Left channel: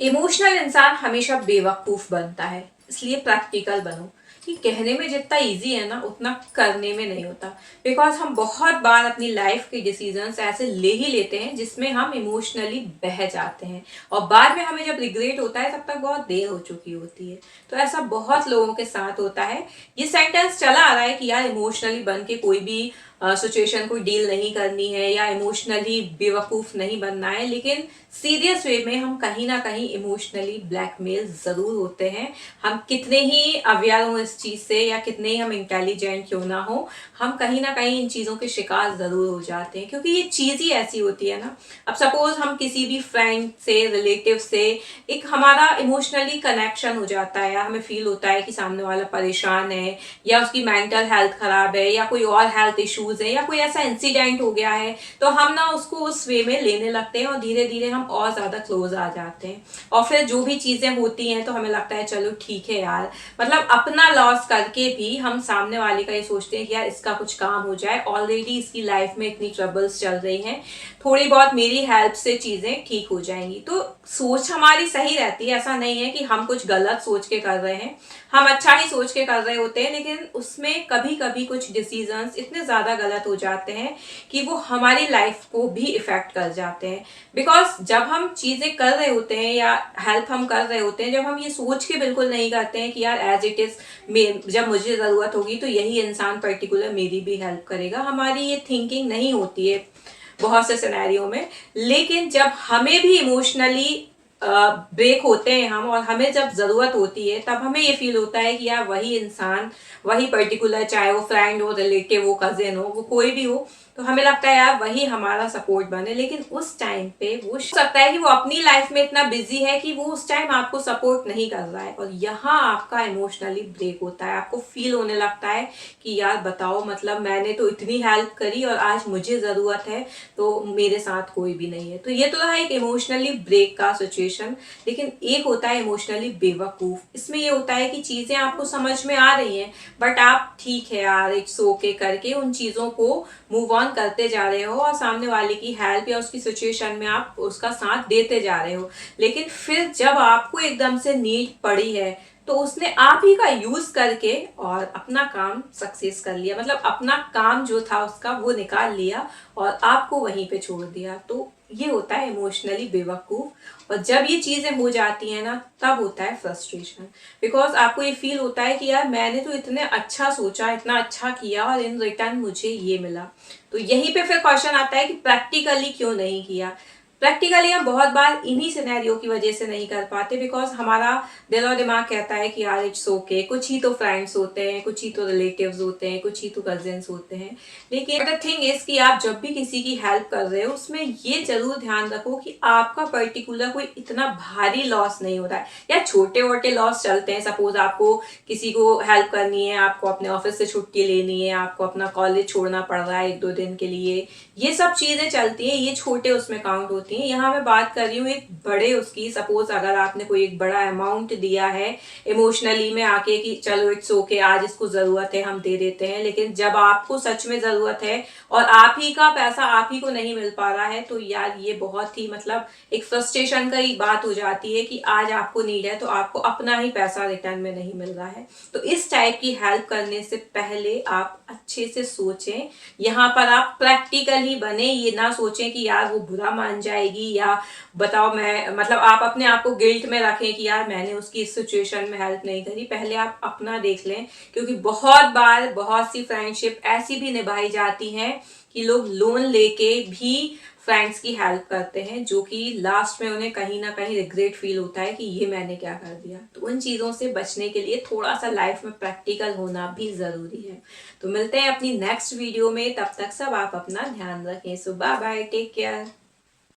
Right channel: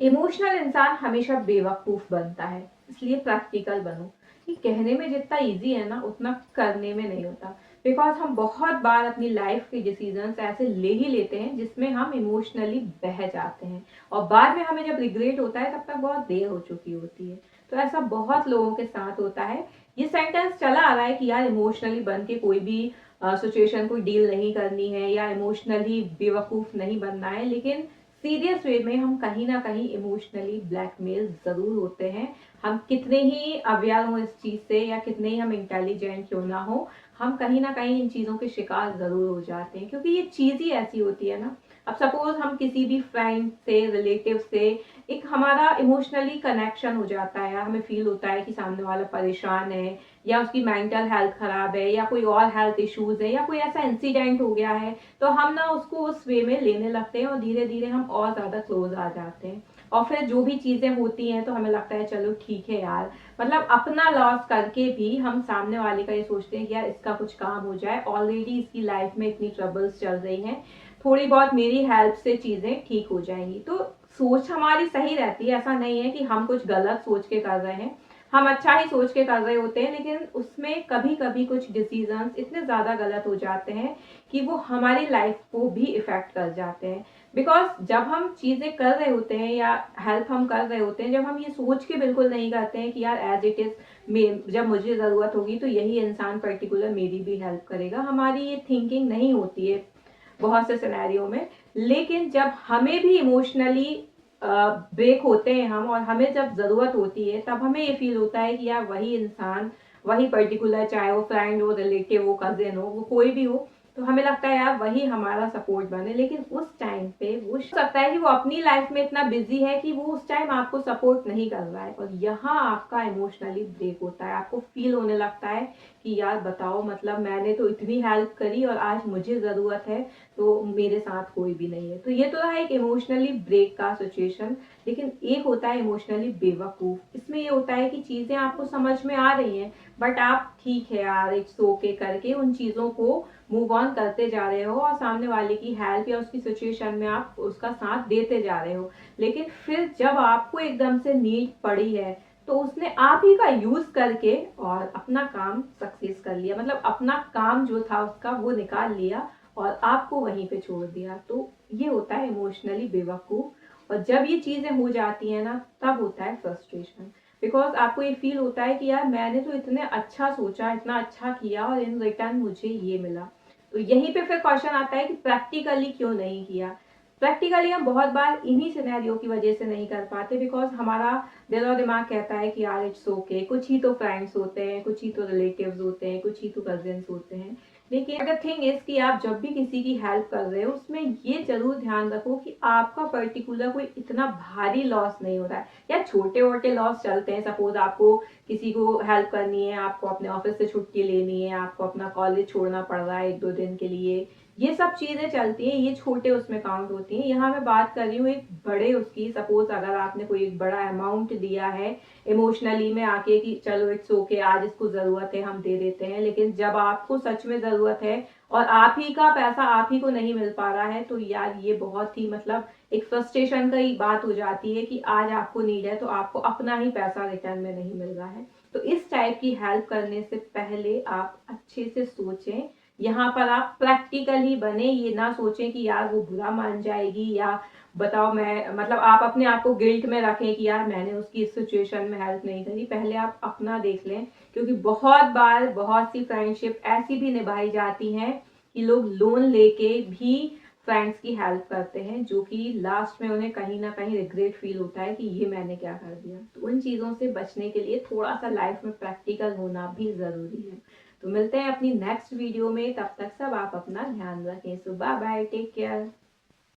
Emotional इंसान हमेशा बेवकूफ बनता है, इसलिए प्रैक्टिकल बनो। कि कहने में जितना इजी है ना उतना करने में नहीं होता। बिकॉज हम बहुत बार अपनी लाइफ के डिसीजंस ऐसे ले ही लेते हैं जिसमें हम इमोशनली बह जाते हैं, और बाद में हमें जब रिग्रेट होता है तब तक बहुत देर हो चुकी होती है। तो ऐसा बहुत लोगों के साथ होता है। ये सेंटेंस चला आ रहा है कि यार इमोशनली बन के कोई भी सिचुएशन को डील नहीं करनी है या इमोशनली बेवकूफ नहीं बनना है, लेकिन सीरियस वे में हम कहीं ना कहीं इमोशनली ब्लैकमेल जरूर होते हैं। हम कितने ही अवेयर हो इस चीज से या कितने ही हम इंटेलिजेंट क्यों ना हो, हम कहीं ना कहीं इन चीजों के शिकार जरूर हो जाते हैं, क्योंकि ये चीज ही ऐसी होती है ना। अब सपोज हम किसी भी फ्रेंड से, रिलेटिव से एक हमारा इमोशनली कनेक्शन हो जाता है, या हमें फील होता है कि सामने वाला परेशान है या उसकी मेंटल हेल्थ खराब है या कोई और हेल्थ इश्यूज है या कोई ऐसा इंसिडेंट हो गया है, तो हम ना उसको उस वे में लेने लगते हैं और धीरे धीरे हम और ज्यादा क्लोज आ जाते हैं। और फिर जो भी चीजें होती हैं तो हमें लगता है चलो ठीक है यार, मतलब अपना लॉस करके भी हम सामने वाले का ये सोचते हैं कि यार इसका कुछ काम हो जाए, ऑलरेडी इसकी लाइफ में इतनी ट्रबल्स चल रही हैं, थोड़ी बहुत मेरी हेल्प से चीजें ठीक हो जाएंगी। तो सोच हमारी सही रहती है, ऐसा नहीं है कि हम कुछ गलत सोच के कर रहे हैं, हम अच्छा ही सोच के कर रहे होते हैं, लेकिन उसमें कभी कभी कुछ डिसीजंस इतने ज्यादा गलत हो जाते हैं कि वो हमारी लाइफ को भी इफेक्ट कर जाते हैं। बिकॉज जब हम चीजें कर रहे होते हैं या हेल्प हम कर रहे होते हैं, जब हम ये सोच के बिल्कुल नहीं करते हैं कि यार एज इट इज जब मुझे जरूरत होगी तो यही इंसान पर्टिकुलर मेरी भी हेल्प करेगा, हमारी ये थिंकिंग नहीं होती है बहुत से सिनेरियो में। लेकिन जब हमें भी इमोशनली ब्रेक होते हैं हम, और हमें जब जरूरत होती है तब हमें ये फील होता है कि यार वही इंसान, वही पर्टिकुलर, चाहे वो फ्रेंड हो, रिलेटिव हो, कजिन हो, वो कोई भी हो, तो हमें लगता है यार वही हमारा सपोर्ट बने। लेकिन उस टाइम पे वो सकता है कि वो अपनी लाइफ में इतना बिजी है कि वो उस टाइम आपको सपोर्ट नहीं कर रहा है, और यहाँ आपका इमोशनली ब्रेक होता है। आपको फील होने लगता है कि यार बताओ, मतलब मैंने तो इतनी हेल्प करी और आज मुझे जरूरत है तो मेरे साथ कोई भी नहीं है। तो ये तो रहा एक इमोशनली ब्रेक का सिचुएशन। लेकिन एक होता है इमोशनली बेवकूफ। इसमें ये होता है कि चीजें आपको समझ में आ रही हैं, बट आप ठीक है यार इट्स ओके करके उन चीजों को मूव ऑन करते जा रहे हो, और सामने वाले की हेल्प या उसकी सिचुएशन में आप उसका साथ देते जा रहे हो। लेकिन फिर जब आपको एकदम से नीड पड़ी है तो उसने आप ही का यूज करके और अपना काम सक्सेस कर लिया, मतलब अपना काम जो था उसका वो निकाल लिया और आपको वहीं पे छोड़ दिया। तो ये होता है इमोशनली बेवकूफ। और जब ये चीजें हो जाती हैं ना तब होता है फ्रस्ट्रेशन। बिकॉज आपको ये फील होता है कि यार मैंने तो इतने अच्छा सोचा, इतना अच्छा किया, और इन रिटर्न मुझे ये मिला। तो यहीं पे फिर क्वेश्चन आता है कि प्रैक्टिकली क्यों नहीं किया। प्रैक्टिकली हम बहुत बार इन्हीं सिनेरियो की वजह से नहीं कर पाते, बिकॉज हमारा दिल और दिमाग कहता है कि यार इट्स ओके, कुछ ही तो फ्रेंड्स होते हैं, कुछ ही तो रिलेटिव्स होते हैं, कुछ ही तो कजिन्स होते हैं। लेकिन द थिंग इज कि आप जब भी किसी की हेल्प कर रहे हो उसमें ये जरूर ध्यान रखो कि आपका पर्टिकुलर कोई इतना भारी लॉस नहीं हो रहा है, या छोटे मोटे लॉस चलते हैं। सपोज आपको किसी को हेल्प करनी है, आपको अपने ऑफिस से छुट्टी लेनी है, आपको अपना कॉलेज छोड़ना पड़ रहा है 1-2 दिन के लिए, ये सब चीजें चलती हैं, ये छोटे उसमें काउंट होती हैं। यहाँ मैं बात कर रही हूँ एक बड़े उसकी। सपोज अगर आपने कोई एक बड़ा अमाउंट दिया है इमोशनली में आके कि चलो इट्स ओके आज इसको जरूरत है हम दे देते हैं, लेकिन जब आपको सच में जरूरत है और आप ही का पैसा आप ही को नहीं मिल पा रहा है, तो यार ये बहुत ही मतलब एक फ्रस्ट्रेशन का ही बात हो जाती है कि आज आपको नीड है तो आपको अपना ही पैसा रिटर्न में नहीं मिल रहा है। तो इस टाइप की हेल्प करने से पहले आप अच्छे से सोचें। यहाँ पर आप प्रैक्टिकल ही बने, ये ना सोचें कि यार वो बुरा मान जाएगी, या बताओ मैं, मतलब आप अपने आप को गिल्ट में रखें कि यार मैंने उसकी इस सिचुएशन में हेल्प नहीं करी। पहले आप अपना देख लें, क्योंकि बहुत बार बहुत सी फ्रेंडशिप ऐसी भी निभाई जाती हैं कि लोग लोन लेके भी फ्रेंड्स की हेल्प करते हैं, जो कि लास्ट में उन्हें कहीं ना कहीं रिग्रेट फील होता है कि ये मैंने क्या कर दिया। तो उन चीज़ों से बचने के लिए थोड़ा सा लाइफ में प्रैक्टिकल होना भी ज़रूरी है। तो मिलते हैं अपनी नेक्स्ट वीडियो में, तब तक सब आप अपना ध्यान रखें। सो बाय बाय, टेक केयर।